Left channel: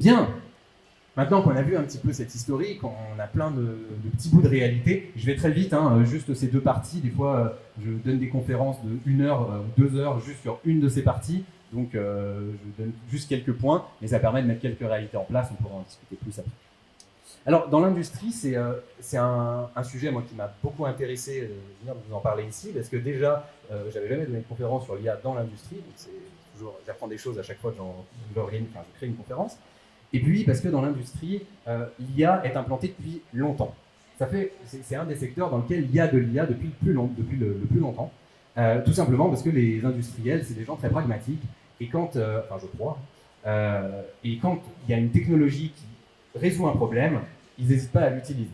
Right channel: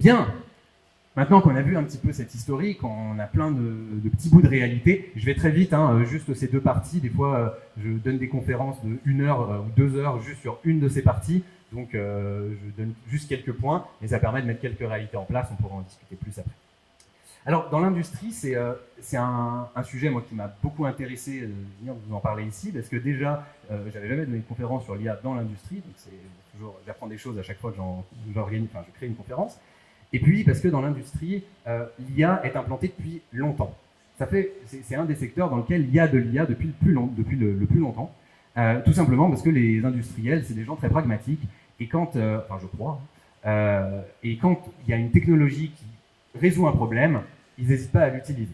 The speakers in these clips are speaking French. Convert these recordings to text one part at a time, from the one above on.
Bien. Maintenant qu'on a vu un petit peu cette historique, on a plein de petits bouts de réalité. Je vais très vite, hein, juste ces deux parties. Des fois, je donne des conférences de 1 heure ou 2 heures juste sur une de ces parties. Donc, je donne juste quelques points, mais ça permet de mettre quelques réalités en place. On pourra en discuter plus après. Alors, dans l'industrie, c'est un sujet moi, qui m'a beaucoup intéressé de venir vous en parler ici, parce que déjà, j'avais jamais donné une conférence sur l'IA dans l'industrie. Donc, j'apprends des choses à chaque fois que je crée une conférence. Et puis, parce que dans l'industrie, l'IA est implantée depuis longtemps. C'est un des secteurs dans lequel il y a de l'IA depuis le plus longtemps. Tout simplement parce que les industriels, c'est des gens très pragmatiques. Et quand, je crois, et quand il y a une technologie qui résout un problème, ils n'hésitent pas à l'utiliser.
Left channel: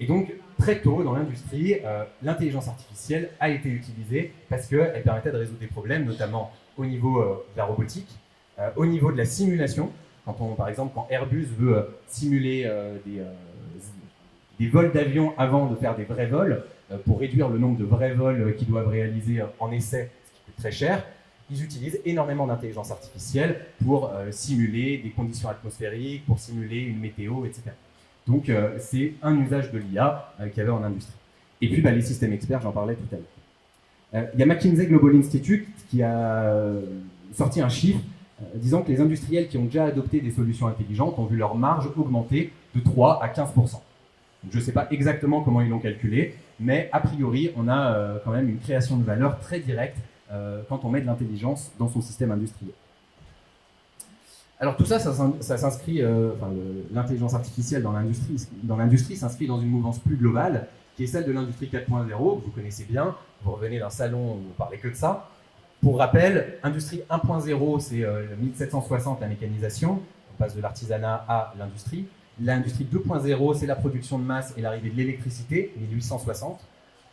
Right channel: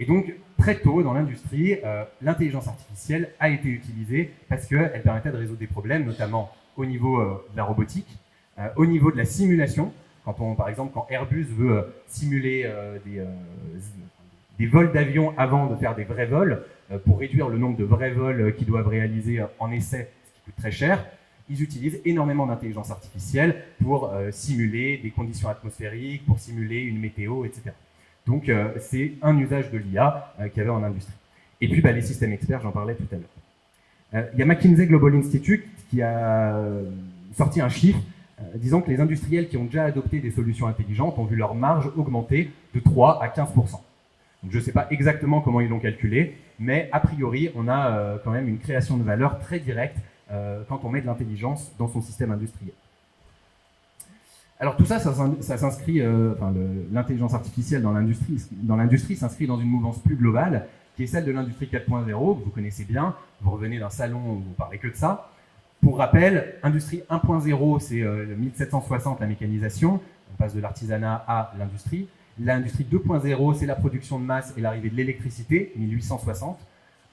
Et donc, très tôt dans l'industrie, l'intelligence artificielle a été utilisée parce qu'elle permettait de résoudre des problèmes, notamment au niveau de la robotique, au niveau de la simulation. Par exemple, quand Airbus veut simuler des vols d'avion avant de faire des vrais vols, pour réduire le nombre de vrais vols qu'ils doivent réaliser en essai, ce qui coûte très cher, ils utilisent énormément d'intelligence artificielle pour simuler des conditions atmosphériques, pour simuler une météo, etc. Donc, c'est un usage de l'IA qu'il y avait en industrie. Et puis, les systèmes experts, j'en parlais tout à l'heure. Il y a McKinsey Global Institute qui a sorti un chiffre disant que les industriels qui ont déjà adopté des solutions intelligentes ont vu leur marge augmenter de 3 à 15%. Je ne sais pas exactement comment ils l'ont calculé, mais a priori, on a quand même une création de valeur très directe quand on met de l'intelligence dans son système industriel. Alors tout ça, ça s'inscrit, l'intelligence artificielle dans l'industrie s'inscrit dans une mouvance plus globale, qui est celle de l'industrie 4.0, que vous connaissez bien. Vous revenez d'un salon où vous ne parlez que de ça. Pour rappel, industrie 1.0, c'est 1760, la mécanisation. On passe de l'artisanat à l'industrie. L'industrie 2.0, c'est la production de masse et l'arrivée de l'électricité, 1860.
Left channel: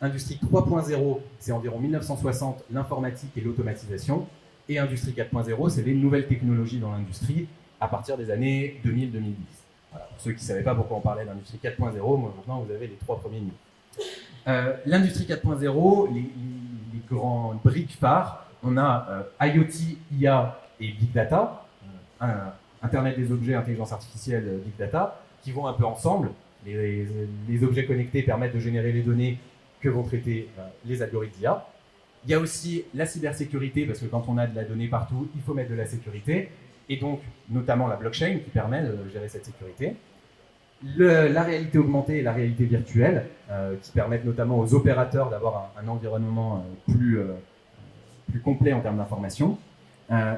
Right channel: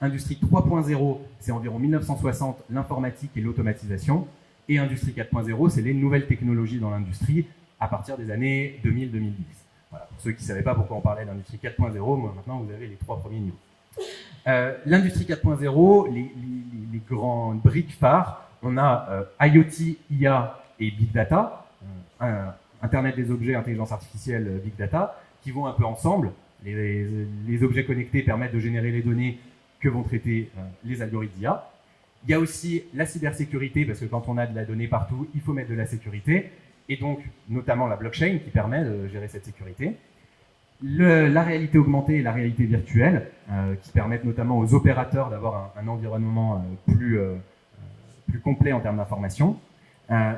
Industrie 3.0, c'est environ 1960, l'informatique et l'automatisation. Et industrie 4.0, c'est les nouvelles technologies dans l'industrie à partir des années 2000-2010. Voilà. Pour ceux qui ne savaient pas pourquoi on parlait d'industrie 4.0, moi maintenant vous avez les 3 premiers niveaux. L'industrie 4.0, les grandes briques phares, on a IoT, IA et Big Data, Internet des objets, intelligence artificielle, Big Data, qui vont un peu ensemble. Les objets connectés permettent de générer les données que vont traiter les algorithmes d'IA. Il y a aussi la cybersécurité, parce que quand on a de la donnée partout, il faut mettre de la sécurité, et donc notamment la blockchain qui permet de gérer cette sécurité. La réalité augmentée et la réalité virtuelle, qui permettent notamment aux opérateurs d'avoir un environnement plus complet en termes d'information.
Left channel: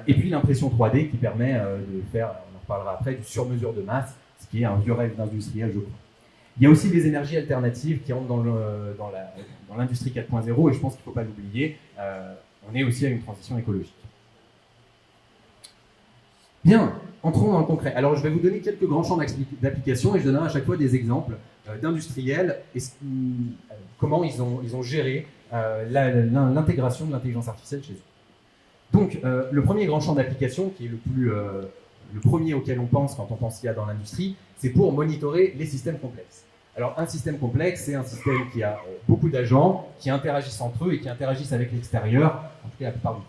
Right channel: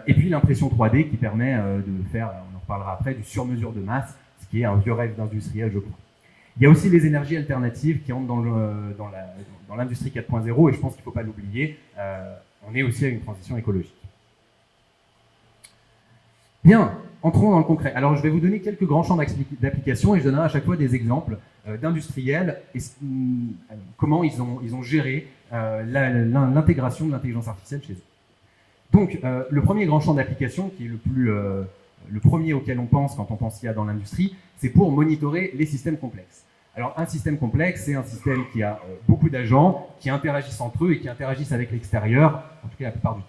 Et puis l'impression 3D qui permet de faire, on en reparlera après, du sur-mesure de masse, ce qui est un vieux rêve d'industriel, je crois. Il y a aussi les énergies alternatives qui rentrent dans l'industrie 4.0, et je pense qu'il ne faut pas l'oublier, on est aussi à une transition écologique. Bien, entrons dans le concret. Alors je vais vous donner quelques grands champs d'application et je donnerai à chaque fois des exemples d'industriels et comment ils ont géré l'intégration de l'intelligence artificielle chez eux. Donc le premier grand champ d'application, qui est le premier auquel on pense quand on pense IA dans l'industrie, c'est pour monitorer les systèmes complexes. Alors un système complexe, c'est un système qui a beaucoup d'agents, qui interagissent entre eux et qui interagissent avec l'extérieur, en tout cas la plupart du temps.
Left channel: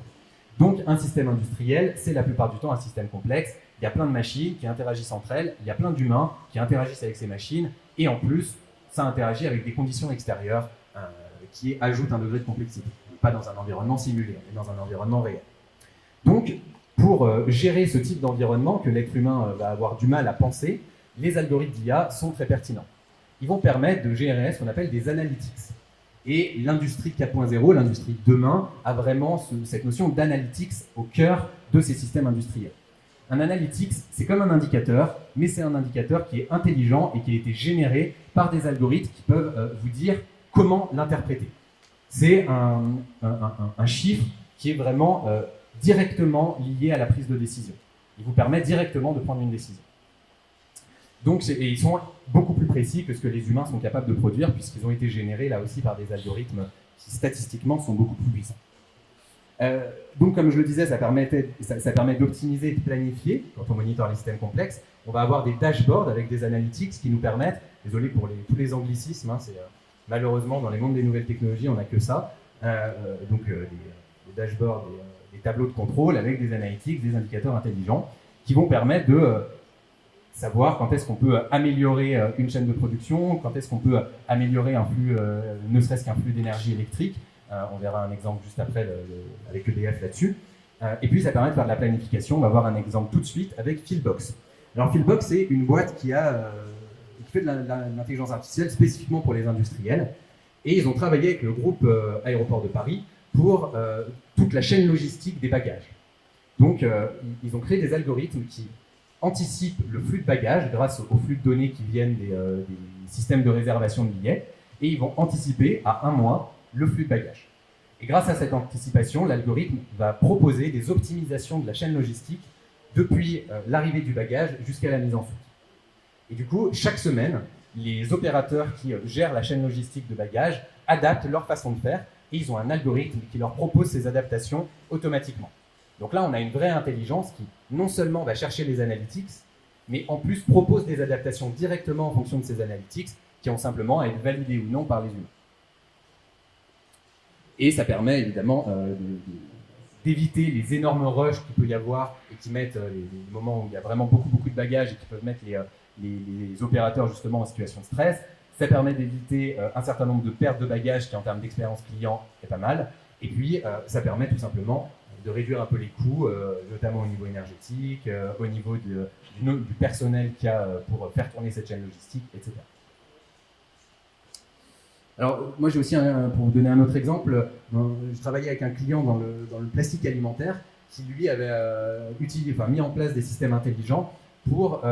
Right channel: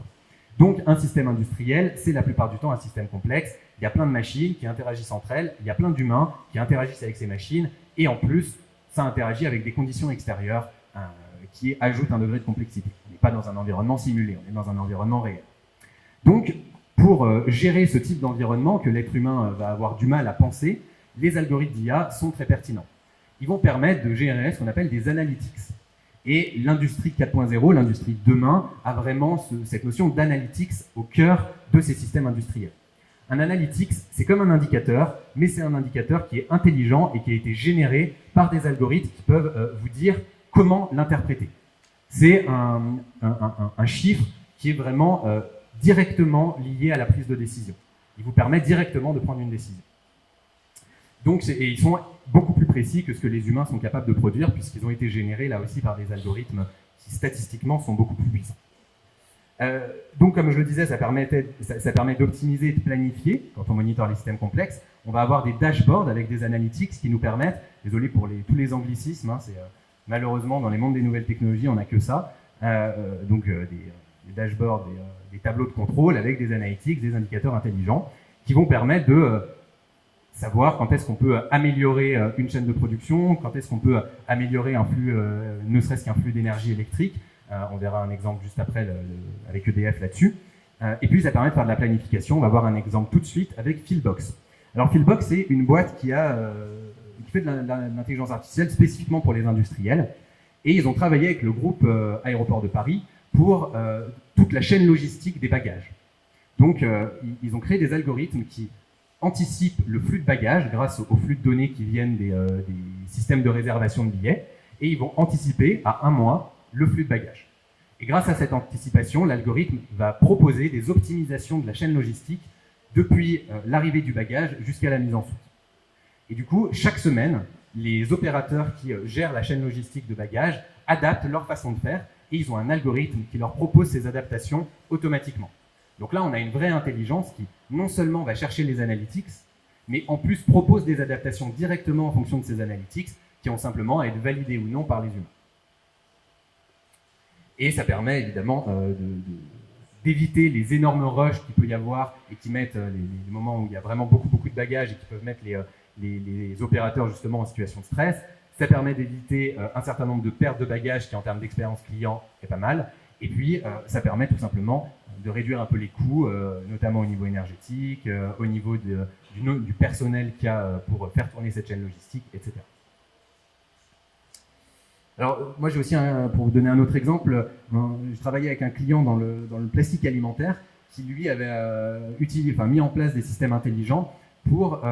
Donc un système industriel, c'est la plupart du temps un système complexe. Il y a plein de machines qui interagissent entre elles, il y a plein d'humains qui interagissent avec ces machines, et en plus, ça interagit avec des conditions extérieures qui ajoutent un degré de complexité. On n'est pas dans un environnement simulé, on est dans un environnement réel. Donc, pour gérer ce type d'environnement que l'être humain va avoir du mal à penser, les algorithmes d'IA sont très pertinents. Ils vont permettre de gérer ce qu'on appelle des analytics. Et l'industrie 4.0, l'industrie de demain, a vraiment cette notion d'analytics au cœur de ces systèmes industriels. Un analytics, c'est comme un indicateur, mais c'est un indicateur qui est intelligent et qui a été généré par des algorithmes qui peuvent vous dire comment l'interpréter. C'est un chiffre qui est vraiment directement lié à la prise de décision. Il vous permet directement de prendre une décision. Donc, ils sont beaucoup plus précis que ce que les humains sont capables de produire, puisqu'ils ont été générés là aussi par des algorithmes qui statistiquement sont beaucoup plus puissants. Donc, comme je le disais, ça permet d'optimiser et de planifier quand on monitore les systèmes complexes. On va avoir des dashboards avec des analytics qui nous permettent, désolé pour tous les anglicismes, hein, malheureusement dans les mondes des nouvelles technologies, on n'a que ça, donc des dashboards, des tableaux de contrôle avec des analytics, des indicateurs intelligents qui vont permettre de savoir quand est-ce qu'on peut améliorer une chaîne de production, quand est-ce qu'on peut améliorer un flux, ne serait-ce qu'un flux d'énergie électrique. On verra un exemple juste après avec EDF là-dessus. Et puis ça permet de faire de la planification. On va voir un exemple tout de suite avec Fieldbox. Alors Fieldbox, c'est une boîte qui fait de l'intelligence artificielle spécifiquement pour les industriels. Et ils ont travaillé avec le groupe Aéroport de Paris pour toute la chaîne logistique des bagages. Donc ils ont créé des algorithmes qui anticipent le flux de bagages grâce au flux de données qui viennent des systèmes de réservation de billets. Et ils vont anticiper à 1 mois le flux de bagages. Et grâce à cette anticipation, l'algorithme va proposer des optimisations de la chaîne logistique depuis l'arrivée du bagage jusqu'à la mise en soute. Et du coup, chaque semaine, les opérateurs qui gèrent la chaîne logistique de bagages adaptent leur façon de faire et ils ont un algorithme qui leur propose ces adaptations automatiquement. Donc là, on a une vraie intelligence qui non seulement va chercher les analytics, mais en plus propose des adaptations directement en fonction de ces analytics qui ont simplement à être validées ou non par les humains. Et ça permet évidemment d'éviter les énormes rushs qu'il peut y avoir et qui mettent les moments où il y a vraiment beaucoup de bagages et qui peuvent mettre les opérateurs justement en situation de stress. Ça permet d'éviter un certain nombre de pertes de bagages qui en termes d'expérience client est pas mal. Et puis ça permet tout simplement de réduire un peu les coûts, notamment au niveau énergétique, au niveau du personnel qu'il y a pour faire tourner cette chaîne logistique, etc. Alors, moi, j'ai aussi, pour vous donner un autre exemple, je travaillais avec un client dans le plastique alimentaire qui, lui, avait mis en place des systèmes intelligents pour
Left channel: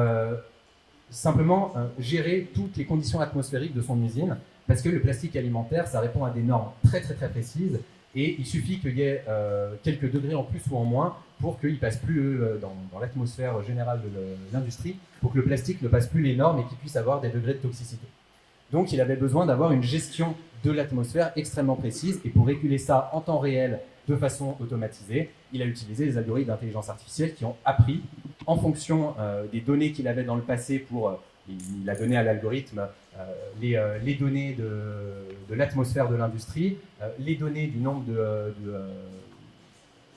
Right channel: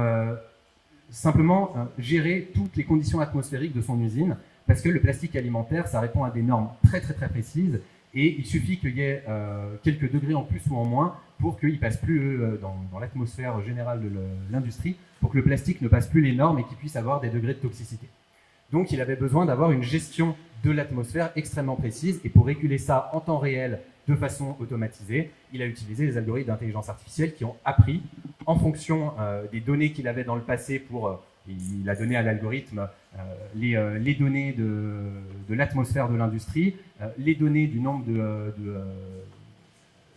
simplement gérer toutes les conditions atmosphériques de son usine, parce que le plastique alimentaire, ça répond à des normes très précises, et il suffit qu'il y ait quelques degrés en plus ou en moins pour qu'il ne passe plus dans l'atmosphère générale de l'industrie, pour que le plastique ne passe plus les normes et qu'il puisse avoir des degrés de toxicité. Donc il avait besoin d'avoir une gestion de l'atmosphère extrêmement précise, et pour réguler ça en temps réel de façon automatisée, il a utilisé des algorithmes d'intelligence artificielle qui ont appris en fonction des données qu'il avait dans le passé il a donné à l'algorithme les données de l'atmosphère de l'industrie, les données du nombre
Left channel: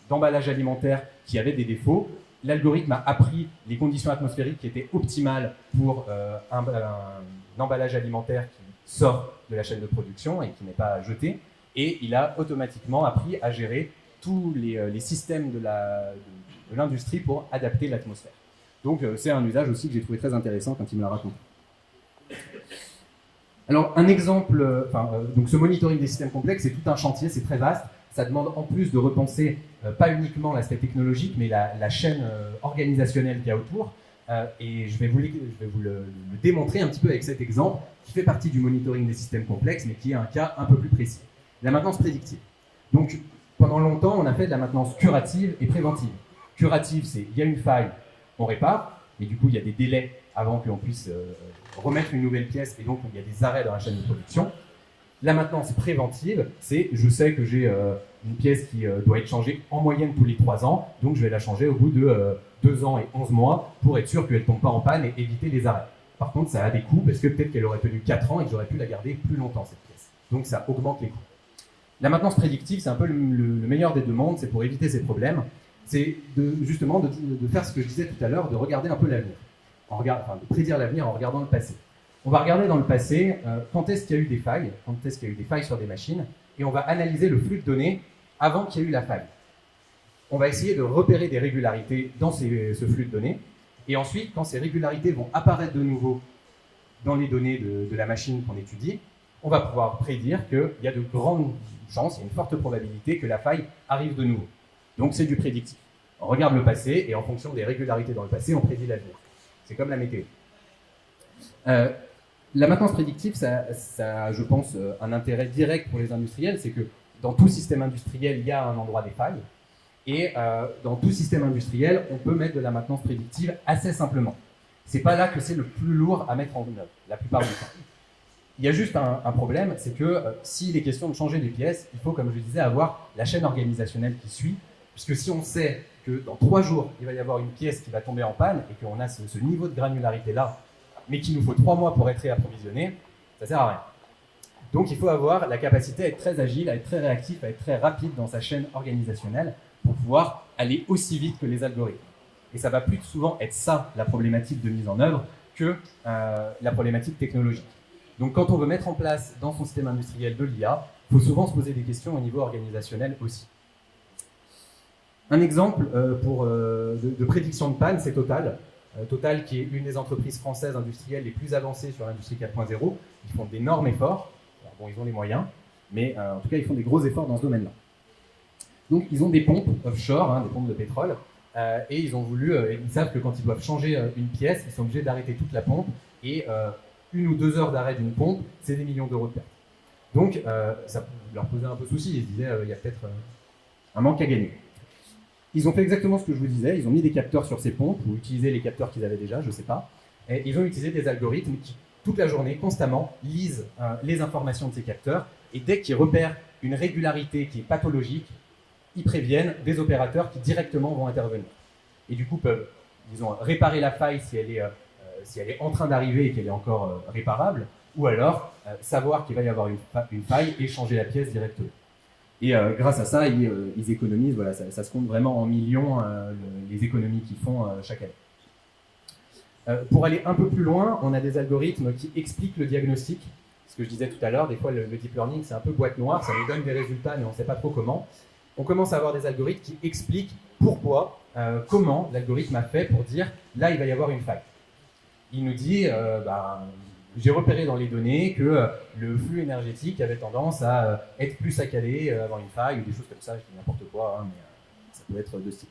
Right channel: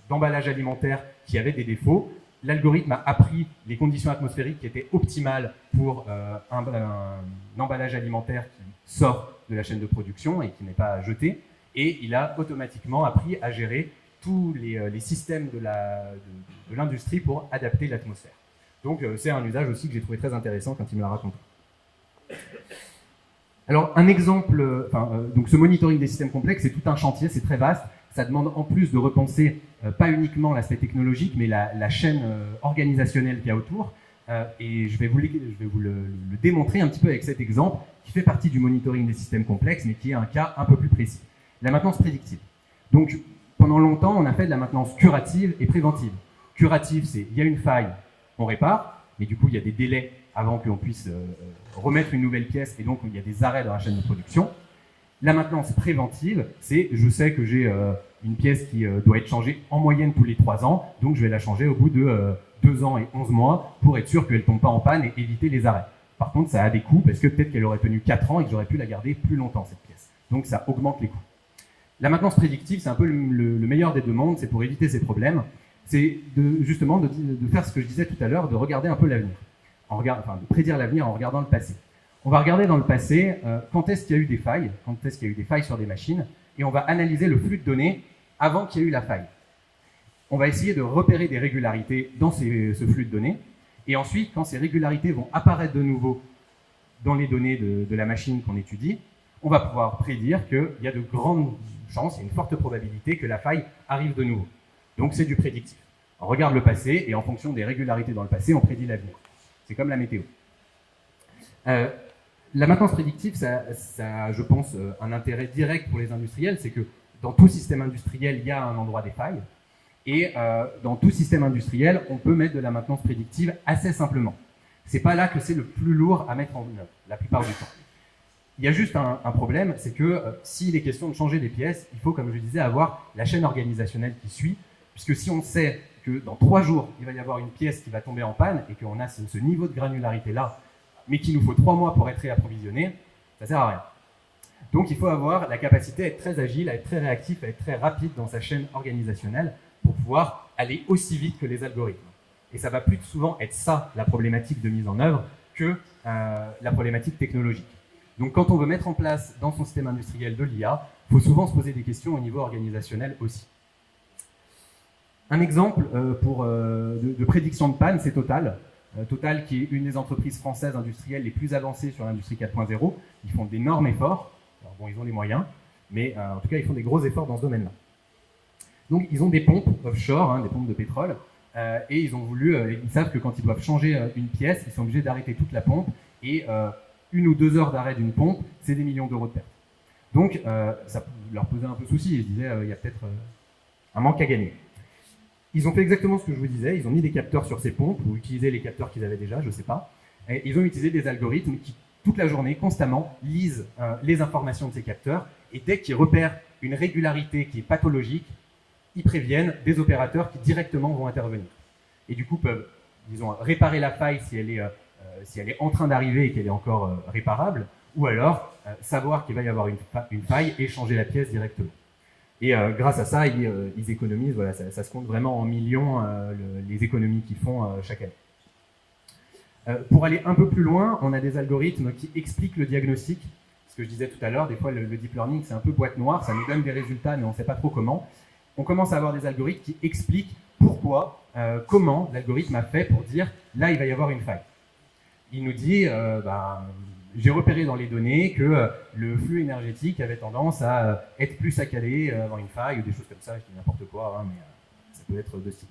d'emballages alimentaires qui avaient des défauts. L'algorithme a appris les conditions atmosphériques qui étaient optimales pour un emballage alimentaire qui sort de la chaîne de production et qui n'est pas jeté, et il a automatiquement appris à gérer tous les systèmes de l'industrie pour adapter l'atmosphère. Donc c'est un usage aussi que j'ai trouvé très intéressant quand il me l'a raconté. Alors un exemple, donc ce monitoring des systèmes complexes, c'est tout un chantier, c'est très vaste. Ça demande en plus de repenser pas uniquement l'aspect technologique, mais la chaîne organisationnelle qu'il y a autour. Et je vais vous le démontrer un petit peu avec cet exemple qui fait partie du monitoring des systèmes complexes, mais qui est un cas un peu plus précis. La maintenance prédictive. Donc pendant longtemps, on a fait de la maintenance curative et préventive. Curative, c'est il y a une faille, on répare, mais du coup il y a des délais avant qu'on puisse remettre une nouvelle pièce, et donc il y a des arrêts dans la chaîne de production. La maintenance préventive, c'est je sais que j'ai une pièce qui doit être changée en moyenne tous les 3 ans, donc je vais la changer au bout de 2 ans et 11 mois pour être sûr qu'elle ne tombe pas en panne et éviter les arrêts. Par contre, ça a des coûts parce que peut-être qu'elle aurait tenu 4 ans et que j'aurais pu la garder plus longtemps, cette pièce. Donc ça augmente les coûts. La maintenance prédictive, c'est un peu le meilleur des deux mondes, c'est pour éviter ces problèmes. C'est justement de faire ce que je disais tout à l'heure, de regarder un peu l'avenir. De prédire l'avenir en regardant le passé. On va regarder dans le passé quand est-ce qu'il y a eu des failles, quand est-ce qu'il y a eu des failles sur des machines, et on va analyser le flux de données avant qu'il y ait eu la faille. On va essayer de repérer des régularités dans ce flux de données, et ensuite, quand ces régularités vont apparaître de nouveau dans les données de la machine qu'on étudie, on va pouvoir prédire qu'il y a de grandes chances, il y a une forte probabilité que la faille arrive de nouveau. Donc c'est du prédictif. On regarde le passé, et en fonction des régularités dans le passé, on prédit l'avenir. C'est comme la météo. La maintenance prédictive, ça a, je pense, un intérêt direct pour les industriels, c'est que dans tout système industriel, il y a un endroit des failles, et dans tout système industriel, on peut mettre de la maintenance prédictive assez simplement. C'est pas là que c'est le plus lourd à mettre en œuvre, la plupart du temps. Il y a juste un problème, c'est que s'il est question de changer des pièces, il faut, comme je disais, avoir la chaîne organisationnelle qui suit, puisque si on sait que dans 3 jours, il va y avoir une pièce qui va tomber en panne, et qu'on a ce niveau de granularité-là, mais qu'il nous faut 3 mois pour être réapprovisionné, ça sert à rien. Donc il faut avoir la capacité à être très agile, à être très réactif, à être très rapide dans sa chaîne organisationnelle pour pouvoir aller aussi vite que les algorithmes. Et ça va plus souvent être ça, la problématique de mise en œuvre, que la problématique technologique. Donc quand on veut mettre en place dans son système industriel de l'IA, il faut souvent se poser des questions au niveau organisationnel aussi. Un exemple de prédiction de panne, c'est Total. Total, qui est une des entreprises françaises industrielles les plus avancées sur l'industrie 4.0. Ils font d'énormes efforts. Alors, bon, ils ont les moyens, mais en tout cas, ils font des gros efforts dans ce domaine-là. Donc, ils ont des pompes offshore, des pompes de pétrole, et ils ont voulu, ils savent que quand ils doivent changer une pièce, ils sont obligés d'arrêter toute la pompe, et 1 ou 2 heures d'arrêt d'une pompe, c'est des millions d'euros de pertes. Donc, ça leur posait un peu souci. Ils se disaient, il y a peut-être un manque à gagner. Ils ont fait exactement ce que je vous disais, ils ont mis des capteurs sur ces pompes, ou utilisé les capteurs qu'ils avaient déjà, je ne sais pas, et ils ont utilisé des algorithmes qui, toute la journée, constamment, lisent les informations de ces capteurs, et dès qu'ils repèrent une régularité qui est pathologique, ils préviennent des opérateurs qui directement vont intervenir. Et du coup, peuvent, disons, réparer la faille si elle est en train d'arriver et qu'elle est encore réparable, ou alors savoir qu'il va y avoir une faille et changer la pièce directement. Et grâce à ça, ils économisent, voilà, ça se compte vraiment en millions les économies qu'ils font chaque année. Pour aller un peu plus loin, on a des algorithmes qui expliquent le diagnostic. Ce que je disais tout à l'heure, des fois le deep learning c'est un peu boîte noire, ça nous donne des résultats mais on ne sait pas trop comment. On commence à avoir des algorithmes qui expliquent pourquoi, comment l'algorithme a fait pour dire là il va y avoir une faille. Il nous dit j'ai repéré dans les données que le flux énergétique avait tendance à être plus saccadé, avoir une faille ou des choses comme ça, je dis n'importe quoi, mais ça peut être de ce type.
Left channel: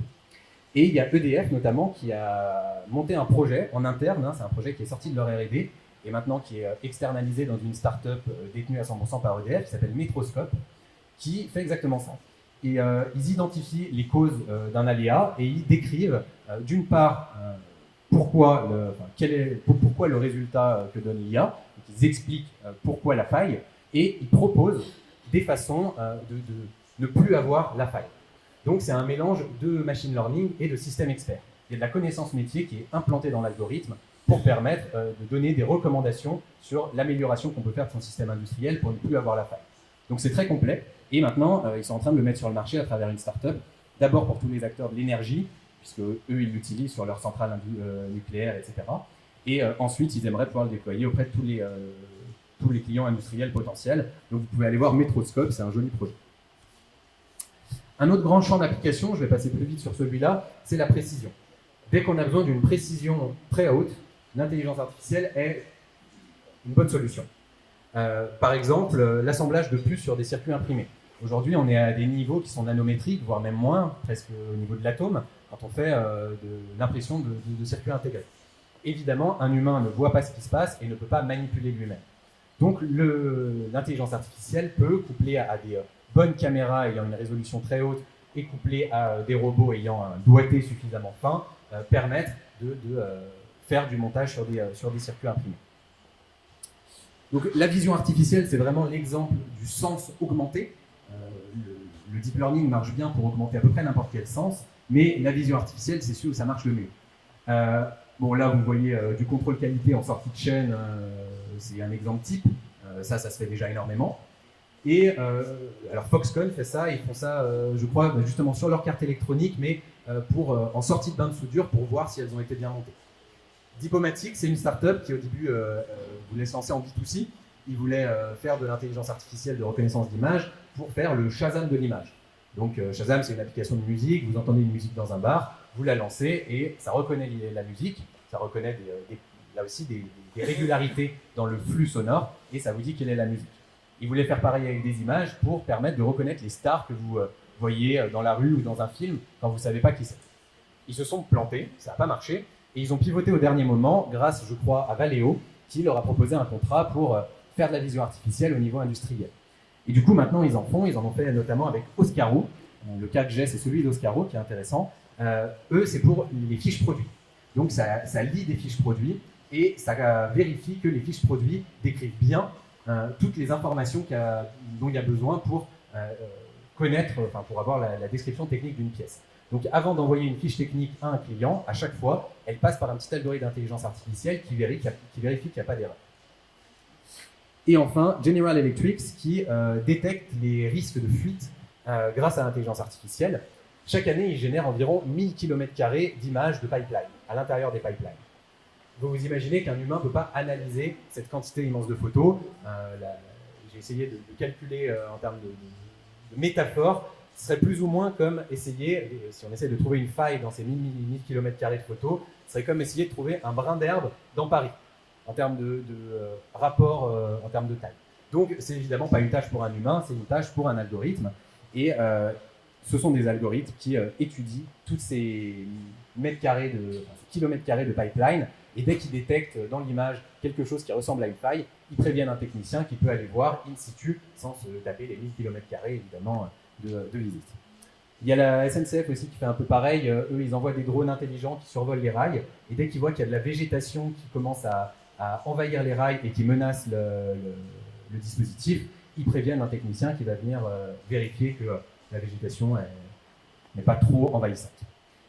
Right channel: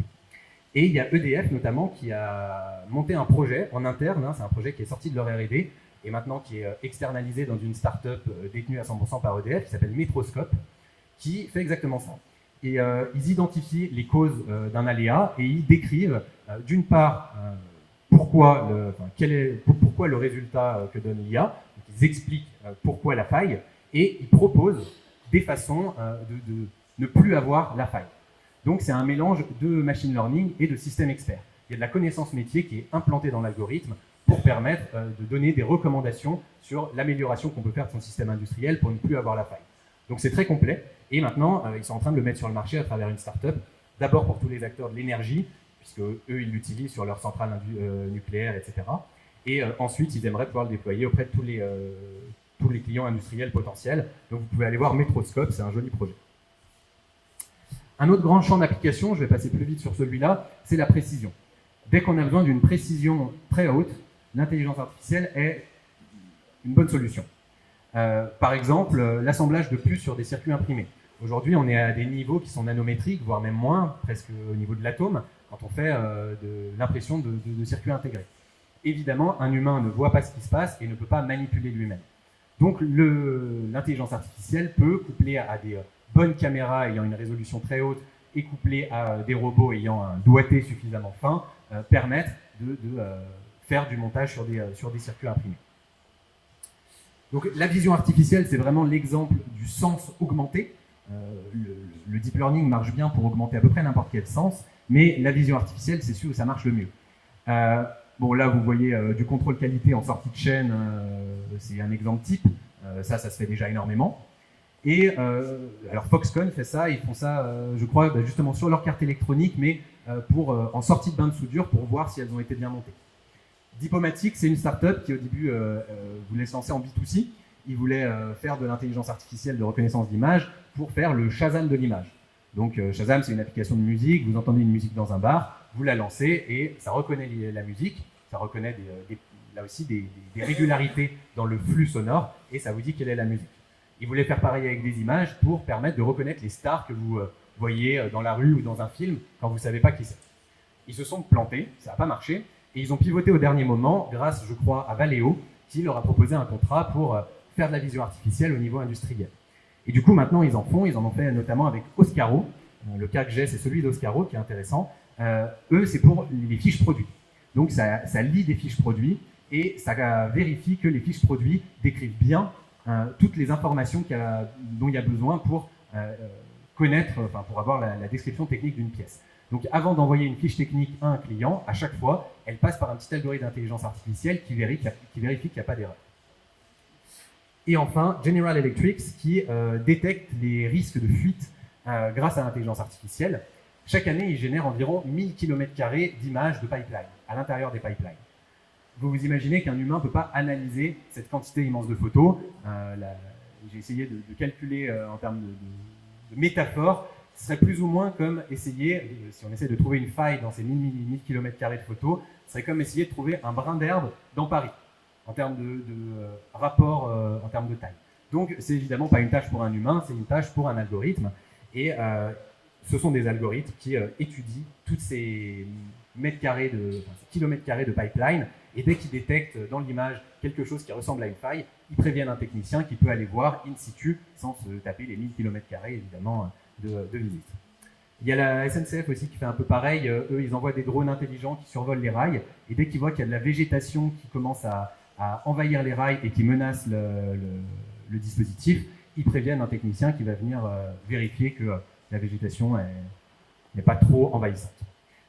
Et il y a EDF notamment qui a monté un projet en interne, c'est un projet qui est sorti de leur R&D et maintenant qui est externalisé dans une start-up détenue à 100% par EDF qui s'appelle Metroscope, qui fait exactement ça. Et ils identifient les causes d'un aléa et ils décrivent d'une part pourquoi le résultat que donne l'IA, ils expliquent pourquoi la faille, et ils proposent des façons de ne plus avoir la faille. Donc c'est un mélange de machine learning et de système expert. Il y a de la connaissance métier qui est implantée dans l'algorithme pour permettre de donner des recommandations sur l'amélioration qu'on peut faire de son système industriel pour ne plus avoir la faille. Donc c'est très complet, et maintenant ils sont en train de le mettre sur le marché à travers une start-up, d'abord pour tous les acteurs de l'énergie, puisque eux, ils l'utilisent sur leurs centrales nucléaires, etc. Et ensuite, ils aimeraient pouvoir le déployer auprès de tous les clients industriels potentiels. Donc, vous pouvez aller voir Metroscope, c'est un joli projet. Un autre grand champ d'application, je vais passer plus vite sur celui-là, c'est la précision. Dès qu'on a besoin d'une précision très haute, l'intelligence artificielle est une bonne solution. Par exemple, l'assemblage de puces sur des circuits imprimés. Aujourd'hui, on est à des niveaux qui sont nanométriques, voire même moins, presque au niveau de l'atome, quand on fait de l'impression de circuits intégrés. Évidemment, un humain ne voit pas ce qui se passe et ne peut pas manipuler lui-même. Donc l'intelligence artificielle peut, couplée à des bonnes caméras ayant une résolution très haute et couplée à des robots ayant un doigté suffisamment fin, permettre de faire du montage sur des circuits imprimés. Donc la vision artificielle, c'est vraiment l'exemple du sens augmenté. Le deep learning marche bien pour augmenter à peu près n'importe quel sens, mais la vision artificielle, c'est celui où ça marche le mieux. Bon, là, vous voyez du contrôle qualité en sortie de chaîne, c'est un exemple type. Ça se fait déjà énormément. Et alors Foxconn fait ça, ils font ça, je crois, justement sur leur carte électronique, mais en sortie de bain de soudure pour voir si elles ont été bien montées. Diplomatique, c'est une start-up qui au début voulait se lancer en B2C. Ils voulaient faire de l'intelligence artificielle de reconnaissance d'image pour faire le Shazam de l'image. Donc Shazam, c'est une application de musique, vous entendez une musique dans un bar, vous la lancez et ça reconnaît la musique, ça reconnaît là aussi des régularités dans le flux sonore et ça vous dit quelle est la musique. Ils voulaient faire pareil avec des images pour permettre de reconnaître les stars que vous voyez dans la rue ou dans un film quand vous ne savez pas qui c'est. Ils se sont plantés, ça n'a pas marché, et ils ont pivoté au dernier moment grâce, je crois, à Valeo, qui leur a proposé un contrat pour faire de la vision artificielle au niveau industriel. Et du coup, maintenant, ils en ont fait notamment avec Oscaro. Le cas que j'ai, c'est celui d'Oscaro, qui est intéressant. Eux, c'est pour les fiches produits. Donc, ça lit des fiches produits et ça vérifie que les fiches produits décrivent bien toutes les informations dont il y a besoin pour connaître, pour avoir la description technique d'une pièce. Donc, avant d'envoyer une fiche technique à un client, à chaque fois, elle passe par un petit algorithme d'intelligence artificielle qui vérifie qu'il n'y a pas d'erreur. Et enfin, General Electric qui détecte les risques de fuite grâce à l'intelligence artificielle. Chaque année, ils génèrent environ 1000 km² d'images de pipeline, à l'intérieur des pipelines. Vous vous imaginez qu'un humain ne peut pas analyser cette quantité immense de photos. J'ai essayé de calculer en termes de métaphore. Ce serait plus ou moins comme essayer, si on essaie de trouver une faille dans ces 1000 km² de photos, ce serait comme essayer de trouver un brin d'herbe dans Paris, en termes de rapport, en termes de taille. Donc, c'est évidemment pas une tâche pour un humain, c'est une tâche pour un algorithme. Et ce sont des algorithmes qui étudient toutes ces kilomètres carrés de pipeline. Et dès qu'ils détectent dans l'image quelque chose qui ressemble à une faille, ils préviennent un technicien qui peut aller voir in situ sans se taper les 1000 km² évidemment de visite. Il y a la SNCF aussi qui fait un peu pareil. Eux, ils envoient des drones intelligents qui survolent les rails. Et dès qu'ils voient qu'il y a de la végétation qui commence à envahir les rails et qui menace le dispositif, ils préviennent un technicien qui va venir vérifier que la végétation n'est pas trop envahissante.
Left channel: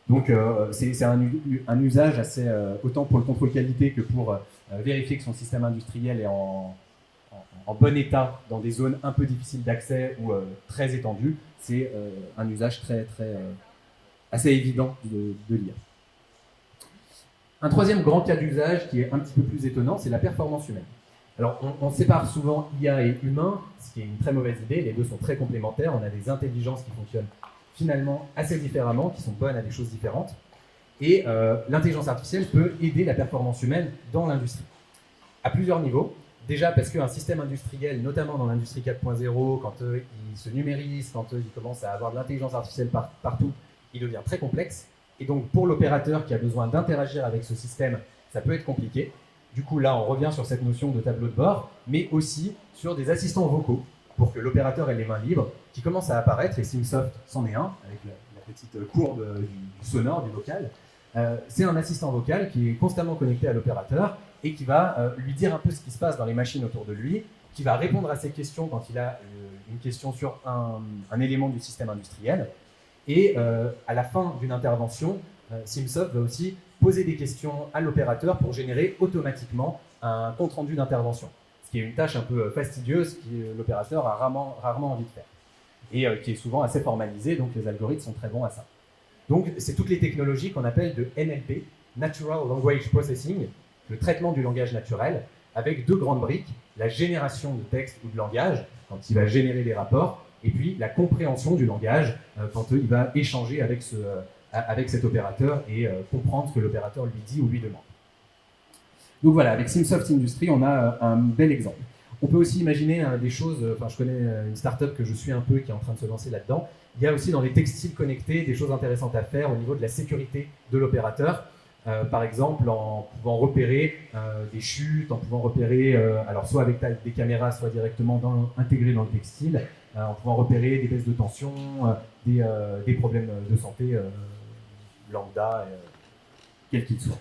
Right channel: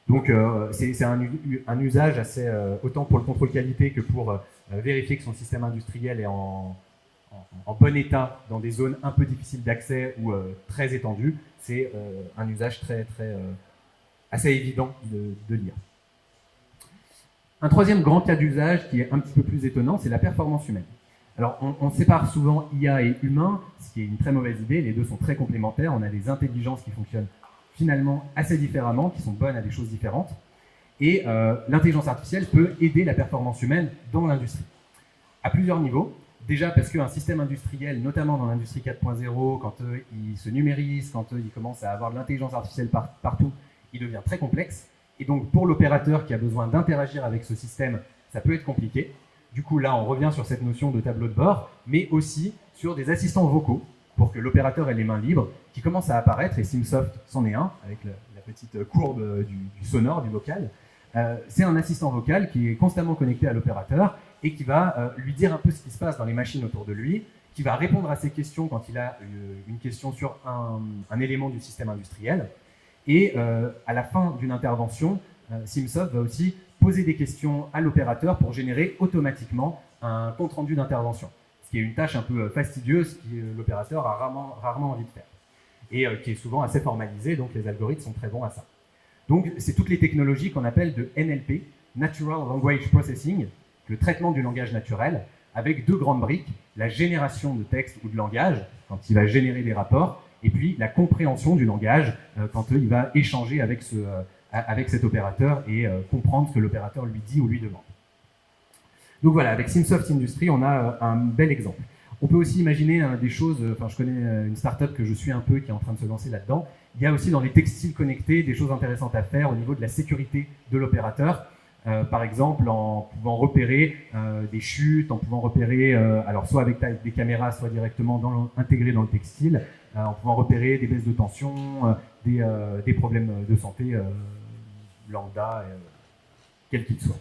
Donc c'est un usage assez, autant pour le contrôle qualité que pour vérifier que son système industriel est en bon état dans des zones un peu difficiles d'accès ou très étendues. C'est un usage assez évident de lire. Un troisième grand cas d'usage qui est un petit peu plus étonnant, c'est la performance humaine. Alors, on sépare souvent IA et humain, ce qui est une très mauvaise idée. Les deux sont très complémentaires. On a des intelligences qui fonctionnent finalement assez différemment, qui sont bonnes à des choses différentes. Et l'intelligence artificielle peut aider la performance humaine dans l'industrie, à plusieurs niveaux. Déjà parce qu'un système industriel, notamment dans l'industrie 4.0, quand il se numérise, quand il commence à avoir de l'intelligence artificielle partout, il devient très complexe. Et donc, pour l'opérateur qui a besoin d'interagir avec ce système, ça peut être compliqué. Du coup, là, on revient sur cette notion de tableau de bord, mais aussi sur des assistants vocaux, pour que l'opérateur ait les mains libres, qui commencent à apparaître, et Simsoft c'en est un, avec la petite courbe du sonore, du vocal. C'est un assistant vocal qui est constamment connecté à l'opérateur et qui va lui dire un peu ce qui se passe dans les machines autour de lui, qui va répondre à ses questions quand il a une question sur un élément du système industriel. Et à la fin d'une intervention, Simsoft va aussi poser des questions à l'opérateur pour générer automatiquement un compte-rendu d'intervention. Ce qui est une tâche un peu fastidieuse que l'opérateur a rarement envie de faire. Et qui est souvent assez formalisée, donc les algorithmes sont très bons à ça. Donc c'est toutes les technologies qu'on appelle de NLP, Natural Language Processing, le traitement du langage naturel, avec deux grandes briques, la génération de texte ou de langage, quand il va générer les rapports, et puis la compréhension du langage, quand il va échanger avec cet opérateur et comprendre ce que l'opérateur lui dit ou lui demande. Donc voilà, avec Simsoft Industry, on a un bel exemple. On peut aussi imaginer des choses, je connais une start-up que je suis un peu qui est en train de se lancer là-dedans. Il y a aussi dans les textiles connectés des choses intéressantes à faire au niveau de la sécurité de l'opérateur. Par exemple, en pouvant repérer des chutes, en pouvant repérer, alors soit avec des caméras, soit directement intégrées dans le textile, en pouvant repérer des baisses de tension, des problèmes de santé lambda, quels qu'ils soient.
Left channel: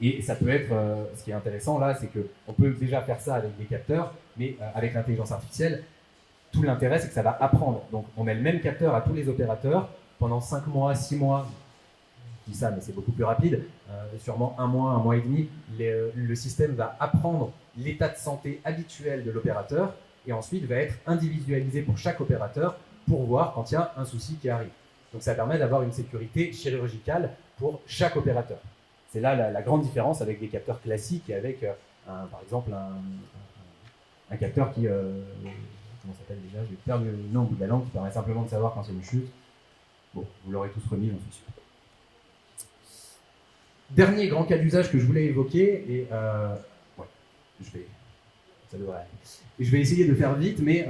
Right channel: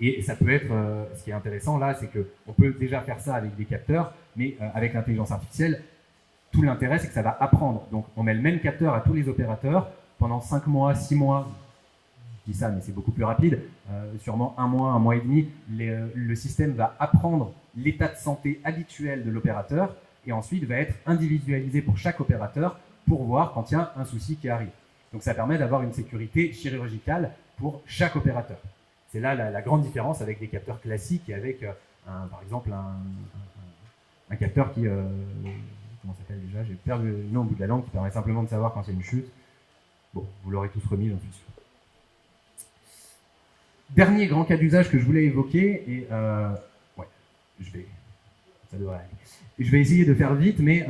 Et ça peut être, ce qui est intéressant là, c'est qu'on peut déjà faire ça avec des capteurs, mais avec l'intelligence artificielle, tout l'intérêt c'est que ça va apprendre. Donc on met le même capteur à tous les opérateurs pendant 5 mois, 6 mois, je dis ça mais c'est beaucoup plus rapide, sûrement un mois et demi, le système va apprendre l'état de santé habituel de l'opérateur et ensuite va être individualisé pour chaque opérateur pour voir quand il y a un souci qui arrive. Donc ça permet d'avoir une sécurité chirurgicale pour chaque opérateur. C'est là la grande différence avec des capteurs classiques et avec, par exemple, un capteur qui, comment ça s'appelle déjà, je vais perdre le nom au bout de la langue, qui permet simplement de savoir quand il y a une chute. Bon, vous l'aurez tous remis, j'en suis sûr. Dernier grand cas d'usage que je voulais évoquer, et je vais essayer de faire vite, mais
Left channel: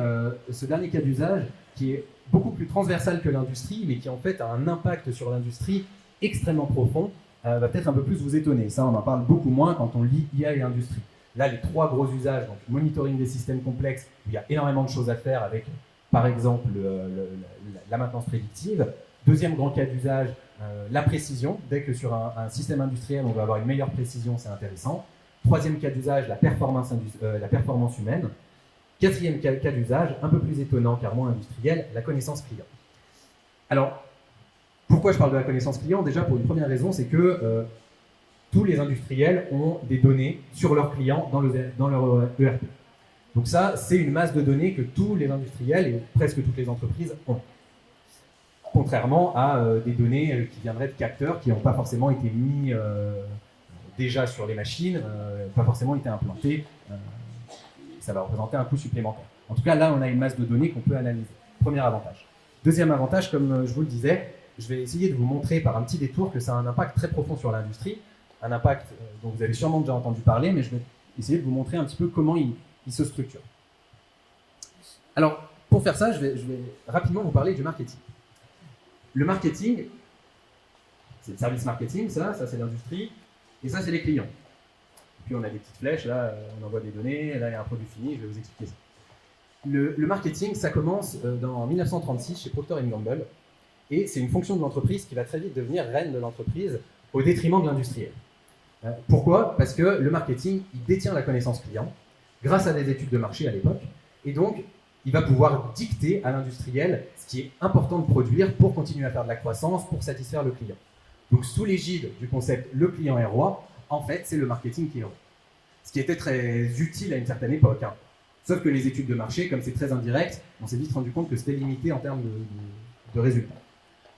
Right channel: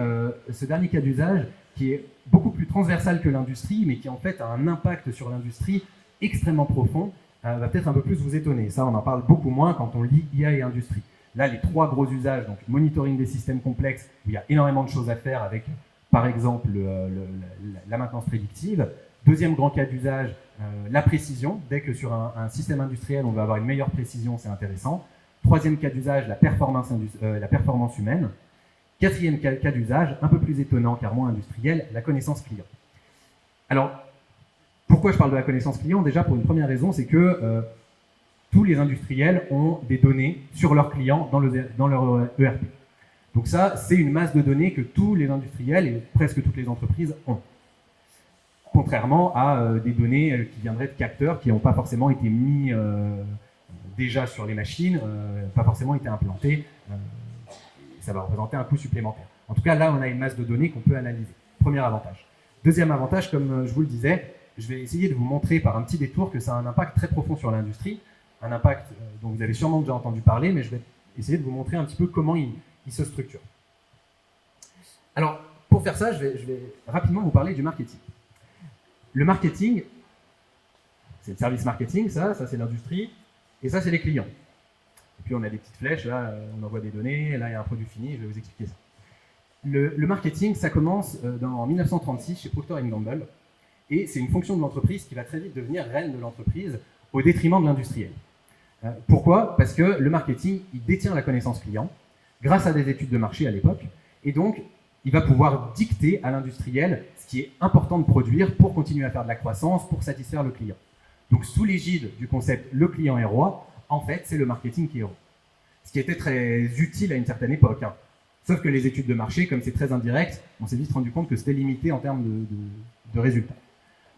ce dernier cas d'usage qui est beaucoup plus transversal que l'industrie, mais qui en fait a un impact sur l'industrie extrêmement profond, va peut-être un peu plus vous étonner. Ça, on en parle beaucoup moins quand on lit IA et industrie. Là, les trois gros usages, donc monitoring des systèmes complexes, où il y a énormément de choses à faire avec, par exemple, la maintenance prédictive. Deuxième grand cas d'usage, la précision. Dès que sur un système industriel, on va avoir une meilleure précision, c'est intéressant. Troisième cas d'usage, la performance humaine. Quatrième cas d'usage, un peu plus étonnant car moins industriel, la connaissance client. Alors, pourquoi je parle de la connaissance client? Déjà, pour une première raison, c'est que tous les industriels ont des données sur leurs clients dans leur ERP. Donc ça, c'est une masse de données que tous les industriels et presque toutes les entreprises ont. contrairement à des données qui viendraient de capteurs qui n'ont pas forcément été mis déjà sur les machines, pas forcément été implantés. Ça va représenter un coût supplémentaire. En tout cas, là, on a une masse de données qu'on peut analyser. Premier avantage. Deuxième avantage, comme je vous le disais, je vais essayer de vous montrer par un petit détour que ça a un impact très profond sur l'industrie, un impact dont vous avez sûrement déjà entendu parler, mais je vais essayer de vous montrer un petit peu comment il se structure. Alors, pour faire ça, je vais rapidement vous parler du marketing. Le marketing, c'est le service marketing, ça c'est l'industrie, et ça c'est les clients. Et puis on a des petites flèches, là on envoie des données, là il y a un produit fini, je vais vous expliquer ça. Le marketing, ça commence en 1936 chez Procter & Gamble, et c'est une fonction de l'entreprise qui va très vite devenir reine de l'entreprise au détriment de l'industriel. Pourquoi? Parce que le marketing, il détient la connaissance client grâce à des études de marché à l'époque, et donc il va pouvoir dicter à l'industriel ce qui est important de produire pour continuer à faire de la croissance, pour satisfaire le client. Donc sous l'égide du concept « le client est roi », en fait, c'est le marketing qui est roi. Ce qui était très utile à une certaine époque. Sauf que les études de marché, comme c'est très indirect, on s'est vite rendu compte que c'était limité en termes de résultats.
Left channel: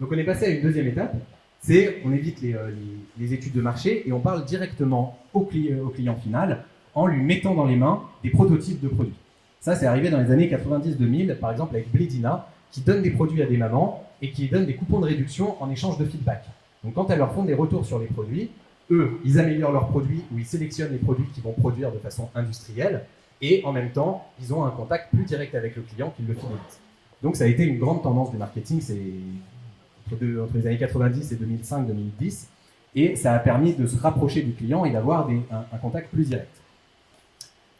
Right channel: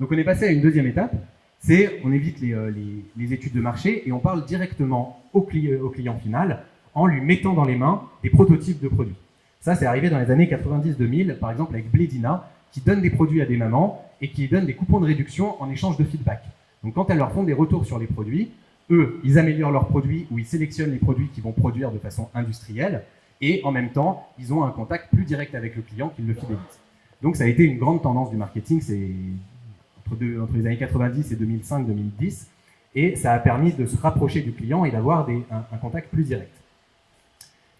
Donc on est passé à une deuxième étape, c'est on évite les études de marché et on parle directement au client final en lui mettant dans les mains des prototypes de produits. Ça, c'est arrivé dans les années 90-2000, par exemple avec Blédina, qui donne des produits à des mamans et qui donne des coupons de réduction en échange de feedback. Donc quand elles leur font des retours sur les produits, eux, ils améliorent leurs produits ou ils sélectionnent les produits qu'ils vont produire de façon industrielle et en même temps, ils ont un contact plus direct avec le client qui le fidélise. Donc ça a été une grande tendance du marketing, c'est entre les années 90 et 2005-2010, et ça a permis de se rapprocher du client et d'avoir un contact plus direct.